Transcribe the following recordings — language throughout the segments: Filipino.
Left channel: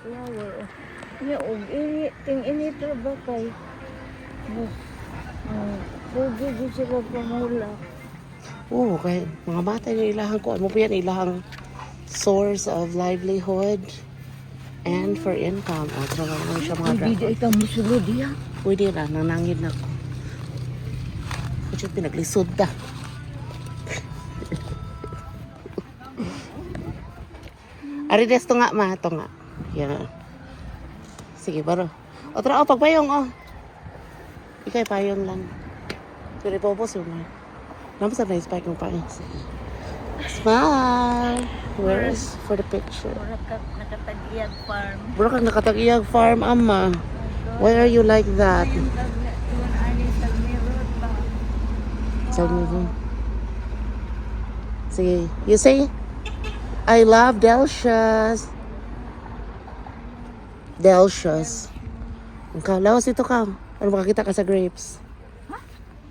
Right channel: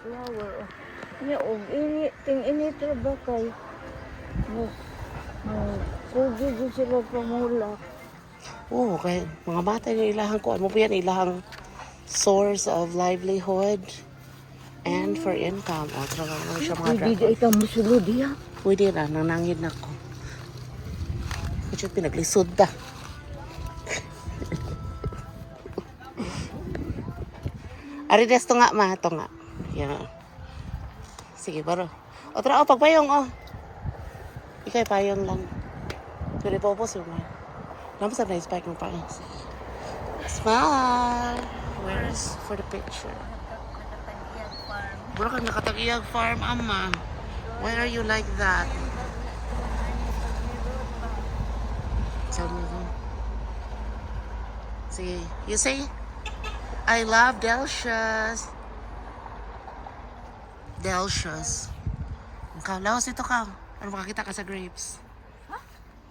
flower. Nya og ini ting ini to ba kay. Pwede din sila pamula. Oo, kay mga bata yung ilahang ko. Ano po yan? Ilahang source of livelihood and for income. At so, ano siya mga Pwede dragon. ikaw musulod yan. Pwede na, nanangin na ko. Kasi pinaglisod da. Ari desto nga ma, ito nga. Yan. Sige, baro. O tara, pagpayong, Ikay payong lang. Pero ipopos mo. Naman sa na-spike yung pang. Smile! Where's for the picture? Nakatag-iyag farm. Bro, kang nakatag-iyag farm, ama. Why are you like that? Yung ani sa mirror ba? Tell me ba? Sige, you say, I love Delicious. Delicious. Ikaw, lawas dito ka. Ano makakita ka sa grapes?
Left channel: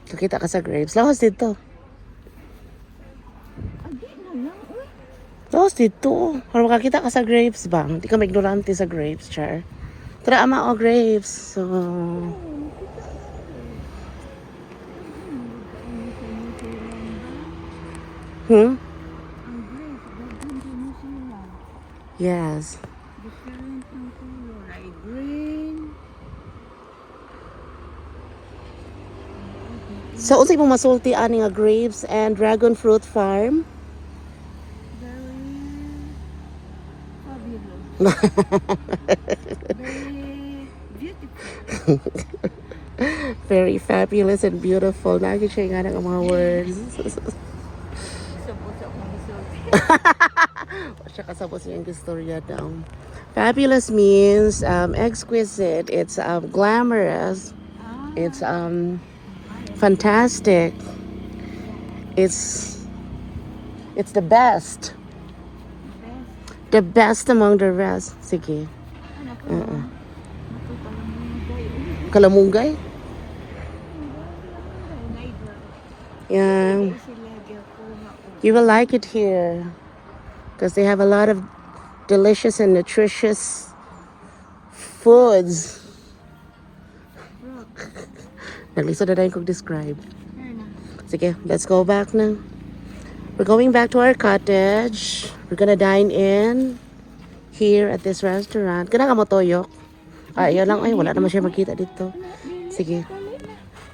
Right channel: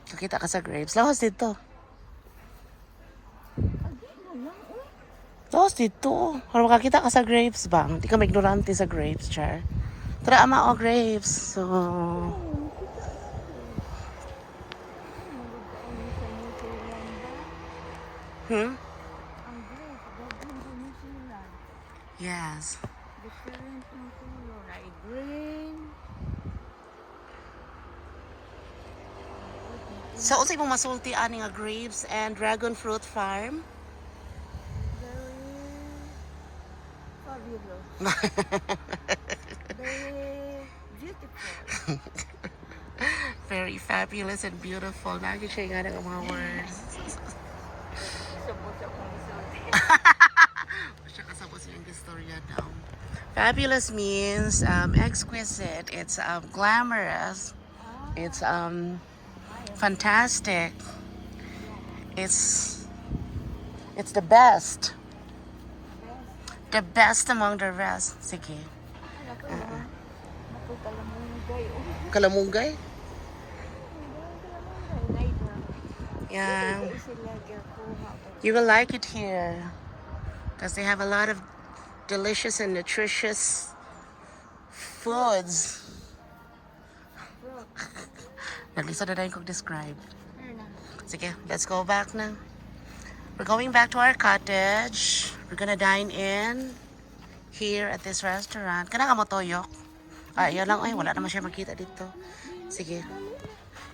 Kakita ka sa grapes. Lawas dito. Lawas dito. Ano makakita ka sa grapes ba? Hindi ka ignorante sa grapes, char. Tara, ama, grapes. So... Yes. So, unsay mo masulti ani nga grapes and dragon fruit farm? Very fabulous and beautiful. Nakikita nga ng mga words. Siya kasabot yung istorya daw. Fabulous means exquisite. It's glamorous. It's fantastic. It's the best. The best among the rest. Sige. Kalamunggay? Yeah. You will like it here. Because they have a lot of delicious and nutritious foods. At least na dahil kong describe. Sige, let's go back na. We're going back to our cottage. We're gonna dine in here at this restaurant. Kana ka mo toyok? Yun lang. Ay, wala naman siya makita dito. Sige.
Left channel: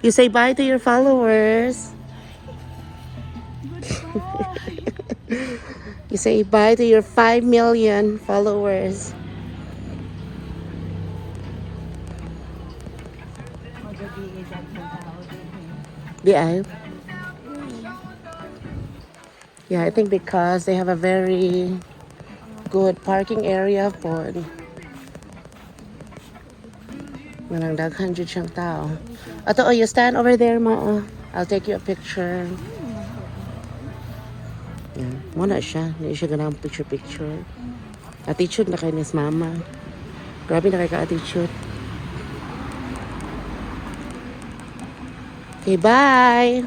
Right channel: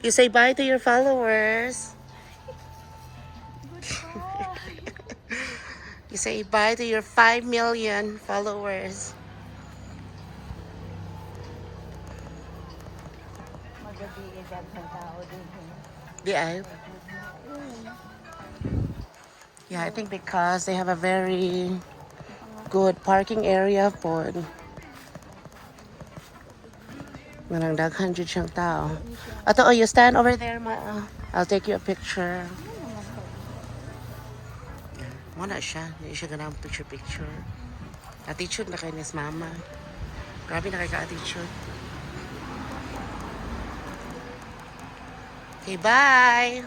You say bye to your followers. You say bye to your 5 million followers. Yeah, I think because they have a very good parking area for walang daghan jud siyang tao. Ato, you stand over there, ma. I'll take you a picture. Yeah, muna siya. Hindi siya ganang picture. Attitude na kay Miss Mama. Grabe na kay ka-attitude. Okay, bye!